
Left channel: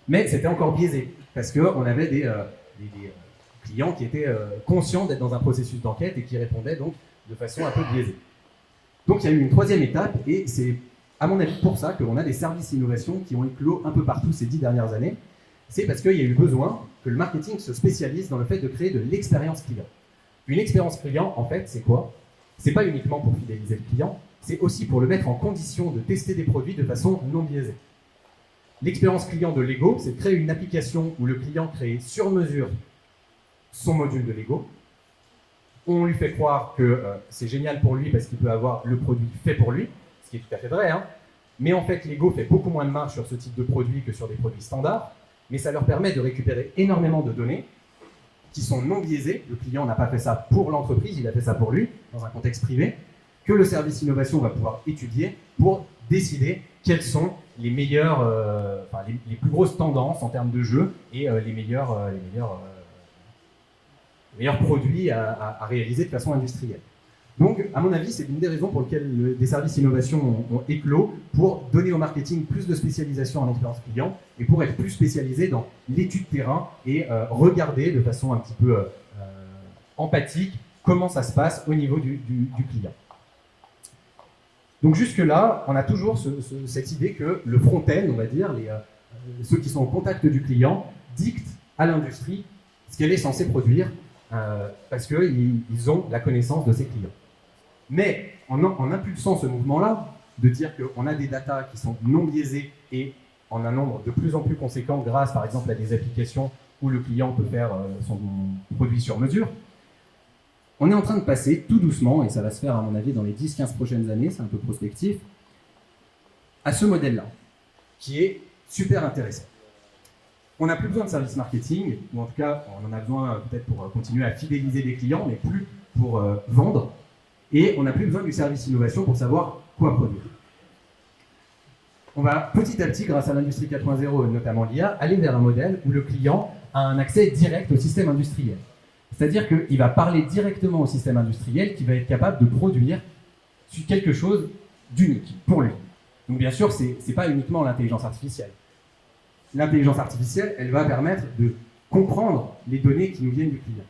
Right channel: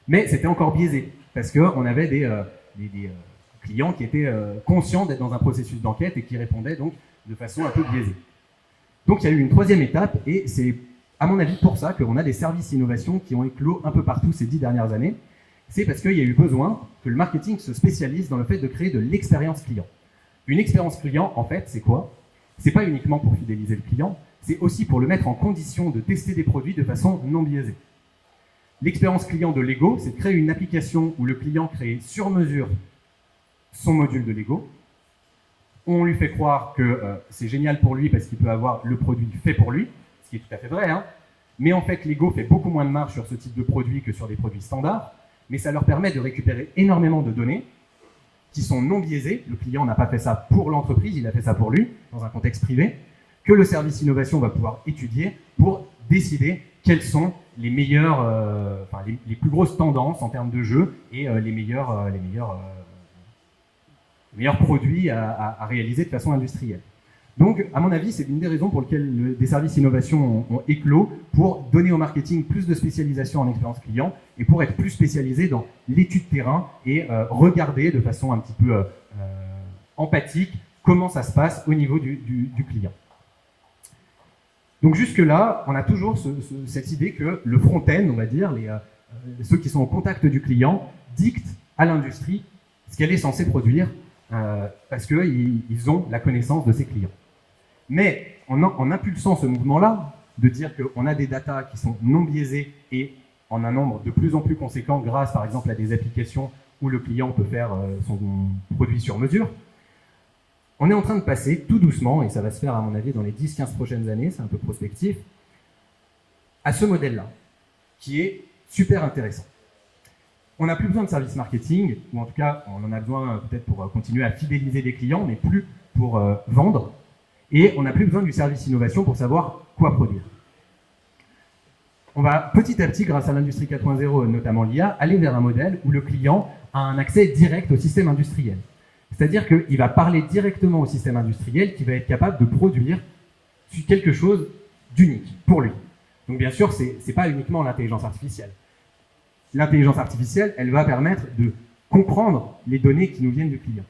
Mais c'était encore biaisé, parce qu'on avait des clients qui étaient conscients d'être dans un processus d'enquête et qui répondaient donc de façon un peu biaisée. Donc il y a eu une troisième étape, et c'est à mon avis pour ça qu'on a des services innovation qui ont éclos un peu partout ces 10 dernières années. C'est parce qu'il y a eu besoin que le marketing se spécialise dans le fait de créer de l'expérience client. Une expérience client, en fait, c'est quoi? C'est pas uniquement pour fidéliser le client, c'est aussi pour le mettre en condition de tester des produits de façon non biaisée. L'expérience client de Lego, c'est de créer une application où le client crée sur mesure son module de Lego. On lui fait croire que c'est génial pour lui parce qu'il peut avoir le produit fait pour lui, ce qui est tout à fait vrai, mais en fait Lego fait beaucoup moins de marge sur ce type de produit que sur des produits standards, mais ça leur permet de récupérer énormément de données qui sont non biaisées. Le client n'a pas fait ça pour l'entreprise, il a fait ça pour lui, dans un contexte privé, que le service innovation va pouvoir étudier pour décider quelles sont les meilleures, les plus grosses tendances en termes de jeu et les meilleurs produits à réaliser de façon industrielle. Donc, à mon avis, c'est une des raisons pour lesquelles des services innovation ont éclos pour donner au marketing plus de spécialisation en expérience client et pour être plus spécialisé dans l'étude terrain et regarder de façon un petit peu empathique comment ça se passe au niveau du client. Donc jusque-là, on a toujours cette idée que le front-end, on va dire, ceux qui sont au contact du client, dictent à l'industrie ce qu'elle est censée produire parce qu'ils ont la connaissance de ses clients. Mais en impulsant ce mouvement-là, de dire qu'on a des datas qui sont non biaisées et en un nombre de plus en plus conséquent grâce par exemple à des applications où le client peut faire son produit sur mesure, on est en train de passer tout doucement, et ça va se faire à mon avis dans les 10-15 prochaines années, c'est un peu prospectif, à ce modèle-là, qui est super intéressant. On n'a plus besoin de service marketing, ou en tout cas on en a besoin peut-être pour continuer à fidéliser les clients, mais plus pour vendre. Et on n'a plus besoin du service innovation pour savoir quoi produire. On va petit à petit, grâce à l'industrie 4.0, notamment l'IA, aller vers un modèle où le client a un accès direct au système industriel. C'est-à-dire qu'il va parler directement au système industriel qui va être capable de produire quelque chose d'unique pour lui. Donc bien sûr, ce n'est pas uniquement l'intelligence artificielle. L'intelligence artificielle, elle va permettre de comprendre les données qui nous viennent du client.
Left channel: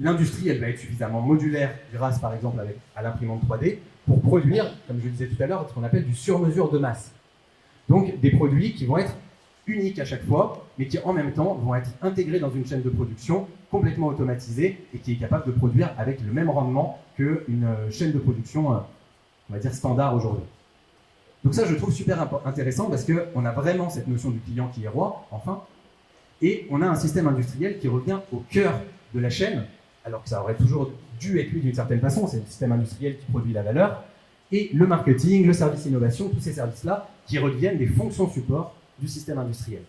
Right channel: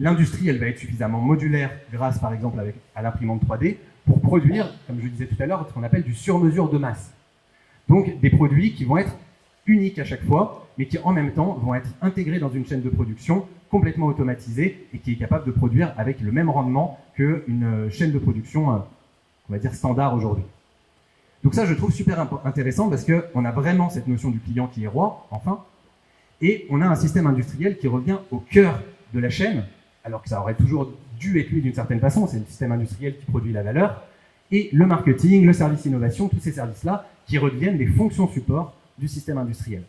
L'industrie, elle va être suffisamment modulaire grâce, par exemple, à l'imprimante 3D pour produire, comme je le disais tout à l'heure, ce qu'on appelle du sur-mesure de masse. Donc, des produits qui vont être uniques à chaque fois, mais qui, en même temps, vont être intégrés dans une chaîne de production complètement automatisée et qui est capable de produire avec le même rendement qu'une chaîne de production, on va dire, standard aujourd'hui. Donc ça, je trouve super intéressant parce qu'on a vraiment cette notion du client qui est roi, enfin, et on a un système industriel qui revient au cœur de la chaîne alors que ça aurait toujours dû être lui d'une certaine façon, c'est le système industriel qui produit la valeur, et le marketing, le service innovation, tous ces services-là qui redeviennent des fonctions support du système industriel.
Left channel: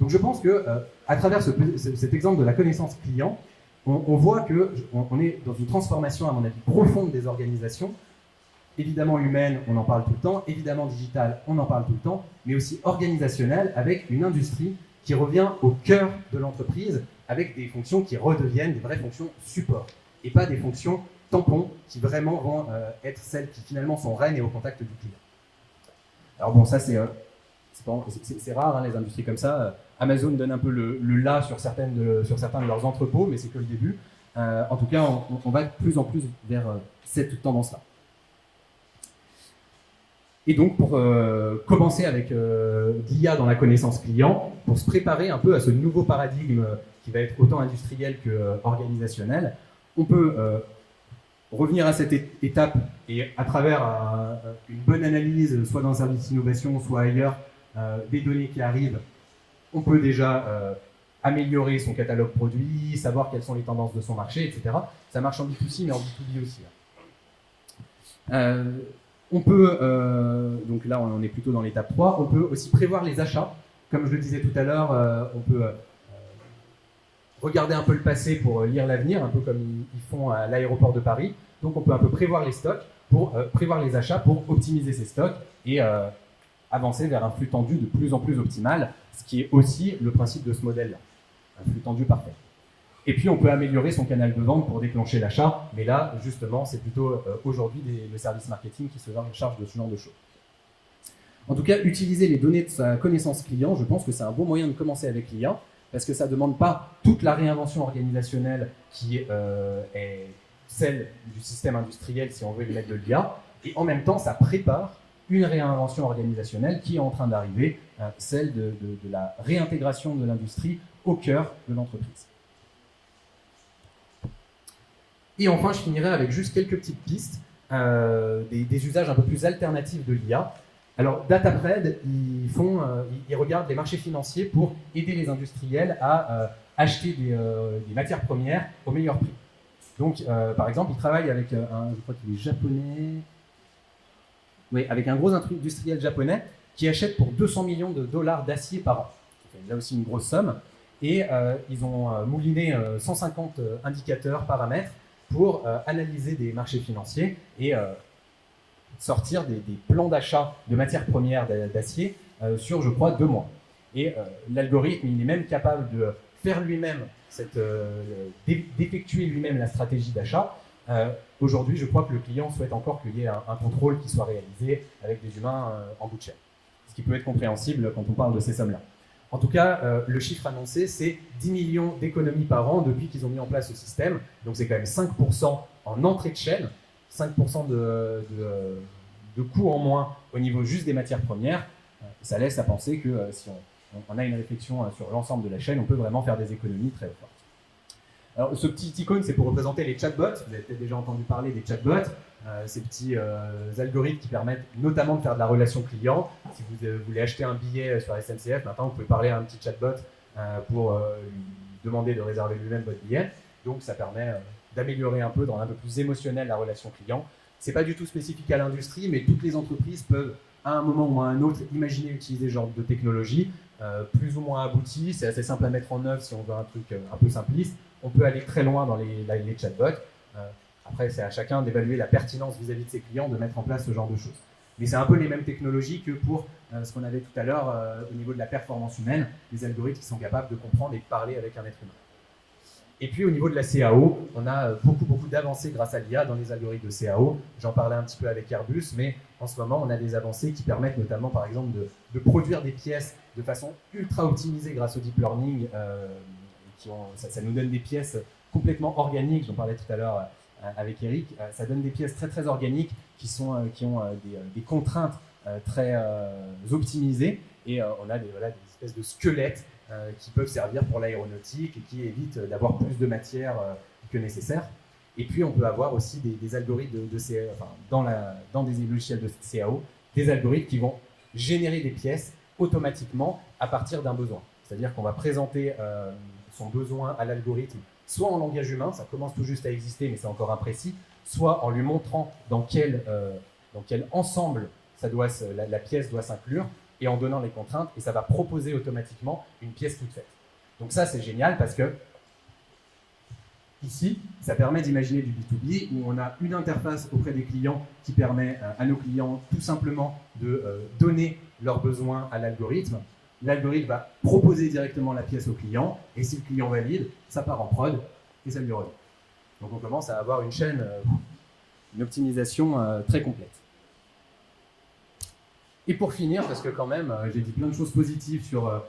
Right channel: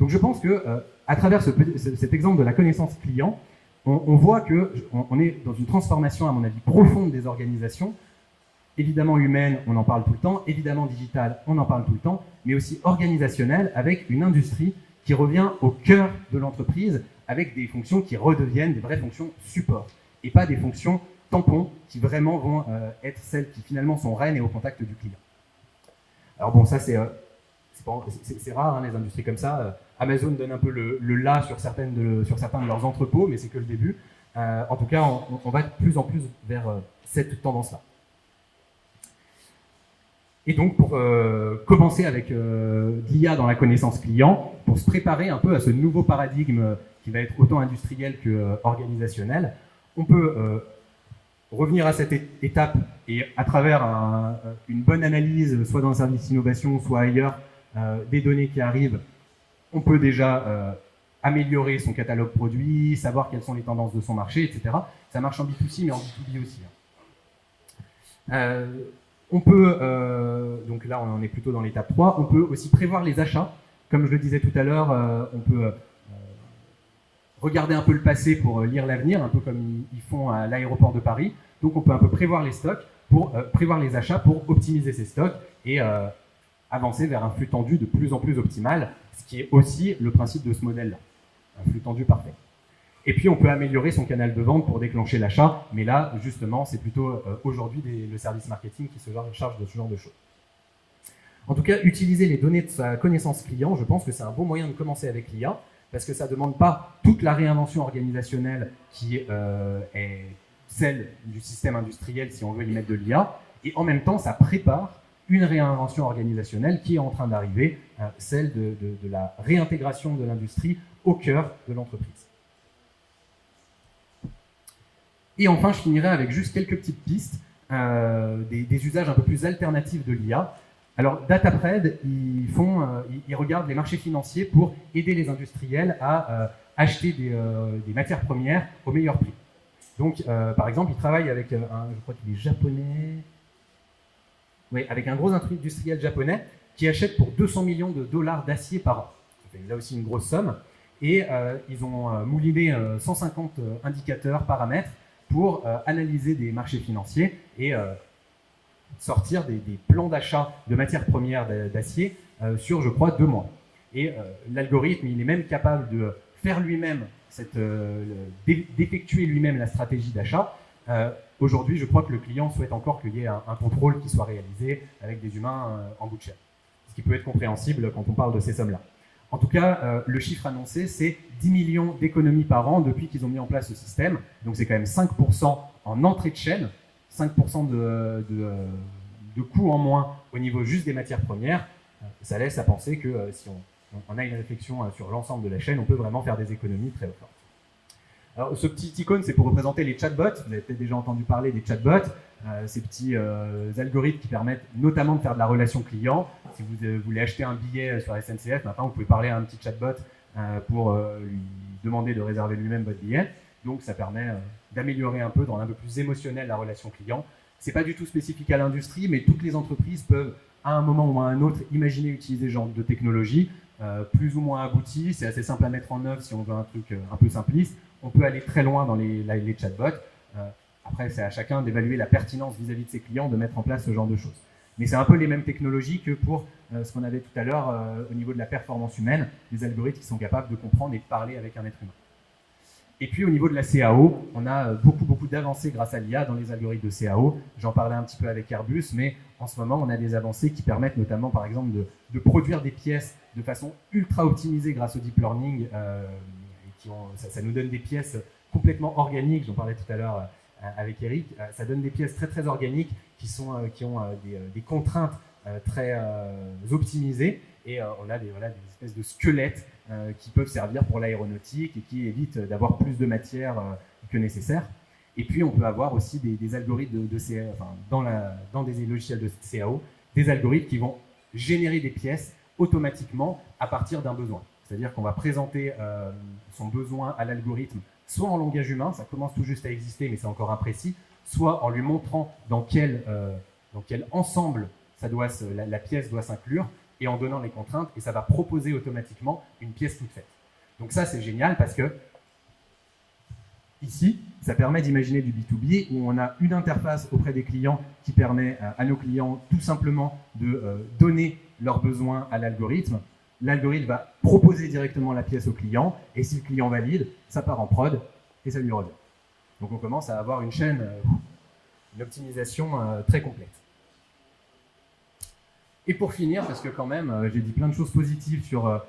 Donc je pense que à travers cet exemple de la connaissance client, on voit qu'on est dans une transformation, à mon avis, profonde des organisations, évidemment humaine, on en parle tout le temps, évidemment digitale, on en parle tout le temps, mais aussi organisationnelle, avec une industrie qui revient au cœur de l'entreprise, avec des fonctions qui redeviennent des vraies fonctions support, et pas des fonctions tampons qui vraiment vont être celles qui finalement sont reines et au contact du client. Alors bon, ça c'est rare, hein, les industries comme ça. Amazon donne un peu le là sur certains de leurs entrepôts, mais c'est que le début. En tout cas, on va de plus en plus vers cette tendance-là. Et donc, pour commencer avec l'IA dans la connaissance client, pour se préparer un peu à ce nouveau paradigme qui va être autant industriel qu'organisationnel, on peut revenir à cette étape et à travers une bonne analyse, soit dans le service d'innovation, soit ailleurs, des données qui arrivent, on peut déjà améliorer son catalogue produit, savoir quelles sont les tendances de son marché, etc. Ça marche en B2C, mais en B2B aussi. On peut, donc là on est plutôt dans l'étape 3, on peut aussi prévoir les achats. Comme je le disais tout à l'heure, on peut regarder un peu le passé pour lire l'avenir, un peu comme ils font à l'aéroport de Paris. Donc on peut un peu prévoir les stocks, pour prévoir les achats pour optimiser ces stocks et avancer vers un flux tendu de plus en plus optimal, ce qui est aussi le principe de ce modèle-là, un flux tendu parfait. Et puis on peut améliorer son canal de vente pour déclencher l'achat, mais là justement c'est plutôt aujourd'hui le service marketing qui se charge de ce genre de choses. En tout cas, utiliser les données de sa connaissance client, je pense que c'est un bon moyen de commencer avec l'IA, parce que ça ne demande pas toute la réinvention organisationnelle qui est celle du système industriel si on veut y mettre de l'IA, et en même temps ça prépare une réinvention organisationnelle qui est en train d'arriver, celle de la réintégration de l'industrie au cœur de l'entreprise. Et enfin, je finirai avec juste quelques petites pistes, des usages un peu plus alternatifs de l'IA. Alors, DataPred, ils regardent les marchés financiers pour aider les industriels à acheter des matières premières au meilleur prix. Donc, par exemple, ils travaillent avec je crois qu'il est japonais, oui, avec un gros industriel japonais qui achète pour 200 millions de dollars d'acier par an. C'est là aussi une grosse somme. Et ils ont mouliné 150 indicateurs, paramètres, pour analyser des marchés financiers et sortir des plans d'achat de matières premières d'acier sur, je crois, 2 mois. Et l'algorithme, il est même capable de faire lui-même, d'effectuer lui-même la stratégie d'achat. Aujourd'hui, je crois que le client souhaite encore qu'il y ait un contrôle qui soit réalisé avec des humains en bout de chaîne. Ce qui peut être compréhensible quand on parle de ces sommes-là. En tout cas, le chiffre annoncé, c'est 10 millions d'économies par an depuis qu'ils ont mis en place ce système. Donc c'est quand même 5% en entrée de chaîne, 5% de coûts en moins au niveau juste des matières premières. Ça laisse à penser que si on a une réflexion sur l'ensemble de la chaîne, on peut vraiment faire des économies très fortes. Alors, ce petit icône, c'est pour représenter les chatbots. Vous avez peut-être déjà entendu parler des chatbots, ces petits algorithmes qui permettent notamment de faire de la relation client. Si vous voulez acheter un billet sur la SNCF, maintenant vous pouvez parler à un petit chatbot pour lui demander de réserver lui-même votre billet. Donc ça permet d'améliorer un peu, dans un peu plus émotionnel, la relation client. C'est pas du tout spécifique à l'industrie, mais toutes les entreprises peuvent, à un moment ou à un autre, imaginer utiliser ce genre de technologie, plus ou moins aboutie. C'est assez simple à mettre en œuvre si on veut un truc un peu simpliste. On peut aller très loin dans les chatbots. Après, c'est à chacun d'évaluer la pertinence vis-à-vis de ses clients de mettre en place ce genre de choses. Mais c'est un peu les mêmes technologies que pour ce qu'on avait tout à l'heure au niveau de la performance humaine, des algorithmes qui sont capables de comprendre et de parler avec un être humain. Et puis au niveau de la CAO, on a beaucoup d'avancées grâce à l'IA dans les algorithmes de CAO. J'en parlais un petit peu avec Airbus, mais en ce moment, on a des avancées qui permettent notamment, par exemple, de produire des pièces de façon ultra optimisée grâce au deep learning. Ça nous donne des pièces complètement organiques, j'en parlais tout à l'heure avec Eric, ça donne des pièces très organiques qui ont des contraintes très optimisées, et on a des espèces de squelettes qui peuvent servir pour l'aéronautique et qui évitent d'avoir plus de matière que nécessaire. Et puis on peut avoir aussi des algorithmes de CAO, dans des logiciels de CAO, des algorithmes qui vont générer des pièces automatiquement à partir d'un besoin. C'est-à-dire qu'on va présenter son besoin à l'algorithme soit en langage humain, ça commence tout juste à exister, mais c'est encore imprécis, soit en lui montrant dans quel ensemble la pièce doit s'inclure, et en donnant les contraintes, et ça va proposer automatiquement une pièce toute faite. Donc ça, c'est génial parce que ici, ça permet d'imaginer du B2B où on a une interface auprès des clients qui permet à nos clients tout simplement de donner leurs besoins à l'algorithme. L'algorithme va proposer directement la pièce au client et si le client valide, ça part en prod et ça lui revient. Donc on commence à avoir une chaîne, une optimisation très complète. Et pour finir, parce que quand même, j'ai dit plein de choses positives sur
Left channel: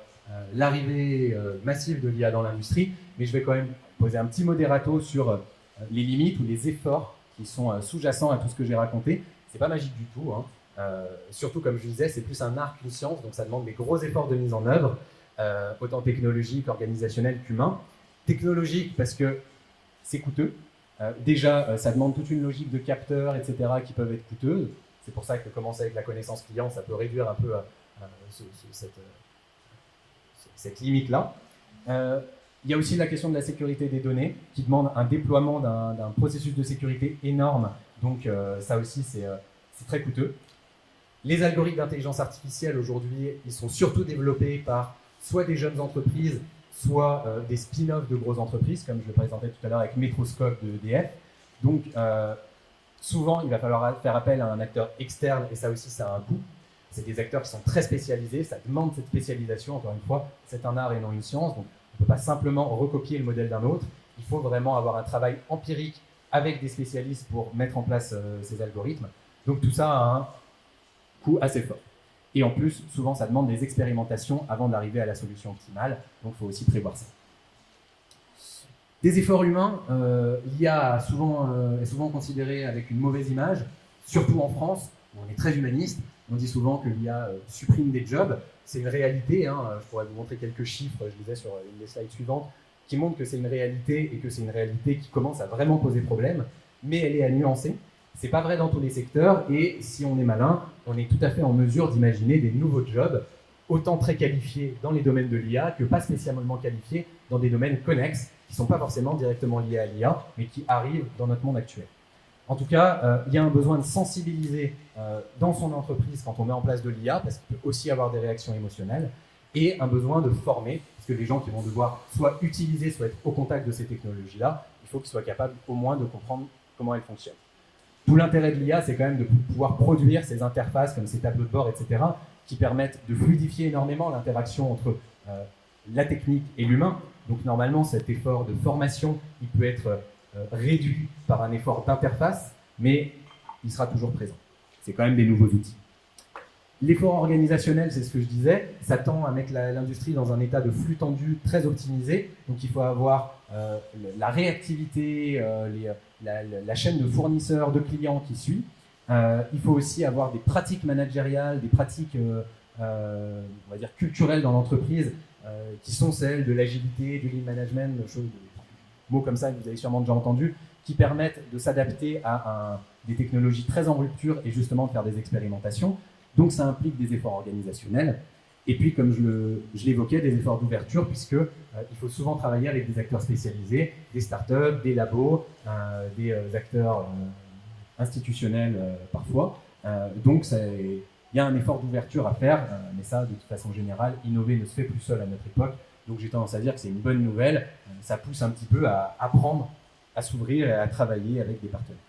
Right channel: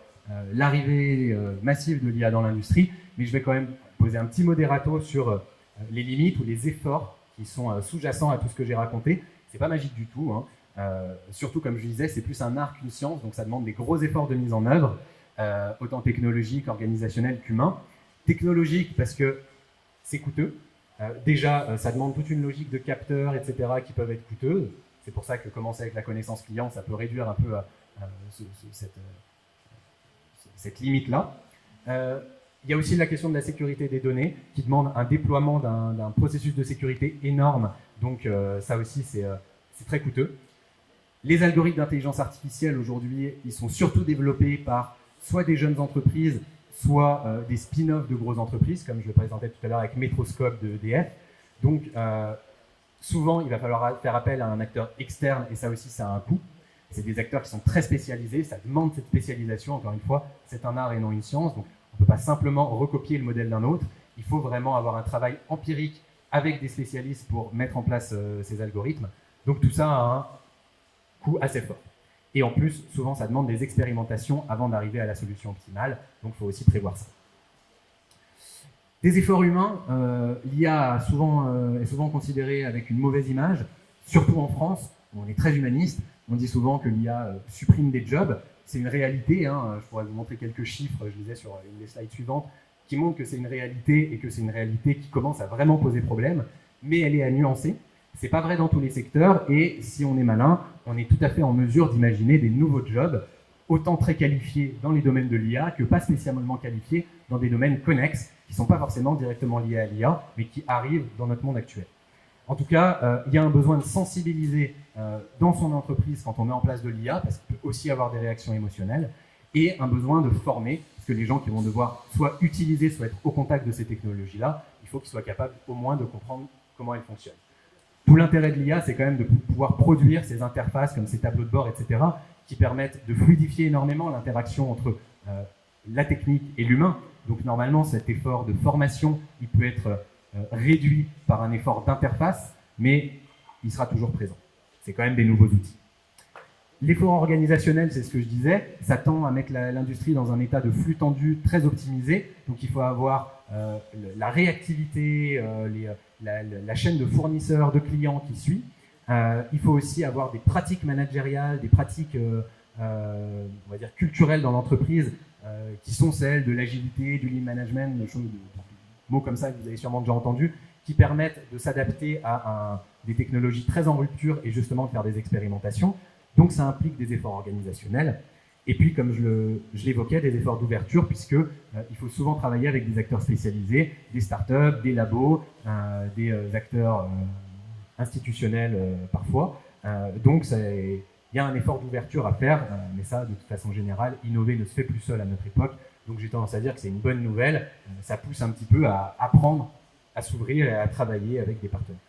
l'arrivée massive de l'IA dans l'industrie, mais je vais quand même poser un petit modérato sur les limites ou les efforts qui sont sous-jacents à tout ce que j'ai raconté. C'est pas magique du tout, hein. Surtout comme je disais, c'est plus un art qu'une science, donc ça demande des gros efforts de mise en œuvre, autant technologiques, organisationnels qu'humains. Technologique parce que c'est coûteux. Déjà, ça demande toute une logique de capteurs, etc., qui peuvent être coûteuses. C'est pour ça que commencer avec la connaissance client, ça peut réduire un peu cette limite-là. Il y a aussi la question de la sécurité des données, qui demande un déploiement d'un processus de sécurité énorme. Donc ça aussi, c'est très coûteux. Les algorithmes d'intelligence artificielle, aujourd'hui, ils sont surtout développés par soit des jeunes entreprises, soit des spin-offs de grosses entreprises, comme je le présentais tout à l'heure avec Metroscope de EDF. Donc, souvent, il va falloir faire appel à un acteur externe, et ça aussi, ça a un coût. C'est des acteurs qui sont très spécialisés, ça demande cette spécialisation, encore une fois, c'est un art et non une science, donc on ne peut pas simplement recopier le modèle d'un autre, il faut vraiment avoir un travail empirique avec des spécialistes pour mettre en place ces algorithmes. Donc tout ça a un coût assez fort. Et en plus, souvent, ça demande des expérimentations avant d'arriver à la solution optimale, donc il faut aussi prévoir ça. Des efforts humains, l'IA est souvent considérée avec une mauvaise image, surtout en France, où on est très humaniste. On dit souvent que l'IA supprime des jobs. C'est une réalité, hein. Je pourrais vous montrer quelques chiffres, je disais sur une des slides suivantes, qui montrent que c'est une réalité et que c'est une réalité qui commence à vraiment poser problème, mais elle est à nuancer. C'est pas vrai dans tous les secteurs et si on est malin, on est tout à fait en mesure d'imaginer des nouveaux jobs, autant très qualifiés dans les domaines de l'IA que pas spécialement qualifiés dans des domaines connexes qui ne sont pas forcément directement liés à l'IA, mais qui arrivent dans notre monde actuel. En tout cas, il y a un besoin de sensibiliser dans son entreprise quand on met en place de l'IA, parce qu'il peut aussi avoir des réactions émotionnelles, et un besoin de former, parce que les gens qui vont devoir soit utiliser, soit être au contact de ces technologies-là, il faut qu'ils soient capables au moins de comprendre comment elles fonctionnent. Tout l'intérêt de l'IA, c'est quand même de pouvoir produire ces interfaces, comme ces tableaux de bord, etc., qui permettent de fluidifier énormément l'interaction entre la technique et l'humain. Donc normalement, cet effort de formation, il peut être réduit par un effort d'interface, mais il sera toujours présent. C'est quand même des nouveaux outils. L'effort organisationnel, c'est ce que je disais, ça tend à mettre l'industrie dans un état de flux tendu très optimisé. Donc il faut avoir la réactivité, la chaîne de fournisseurs, de clients qui suit. Il faut aussi avoir des pratiques managériales, des pratiques on va dire culturelles dans l'entreprise, qui sont celles de l'agilité, du lean management, des mots comme ça que vous avez sûrement déjà entendu, qui permettent de s'adapter à des technologies très en rupture et justement de faire des expérimentations. Donc ça implique des efforts organisationnels. Et puis, comme je l'évoquais, des efforts d'ouverture, puisqu'il faut souvent travailler avec des acteurs spécialisés, des startups, des labos, des acteurs institutionnels parfois. Donc il y a un effort d'ouverture à faire, mais ça, de toute façon générale, innover ne se fait plus seul à notre époque. Donc j'ai tendance à dire que c'est une bonne nouvelle. Ça pousse un petit peu à apprendre, à s'ouvrir et à travailler avec des partenaires.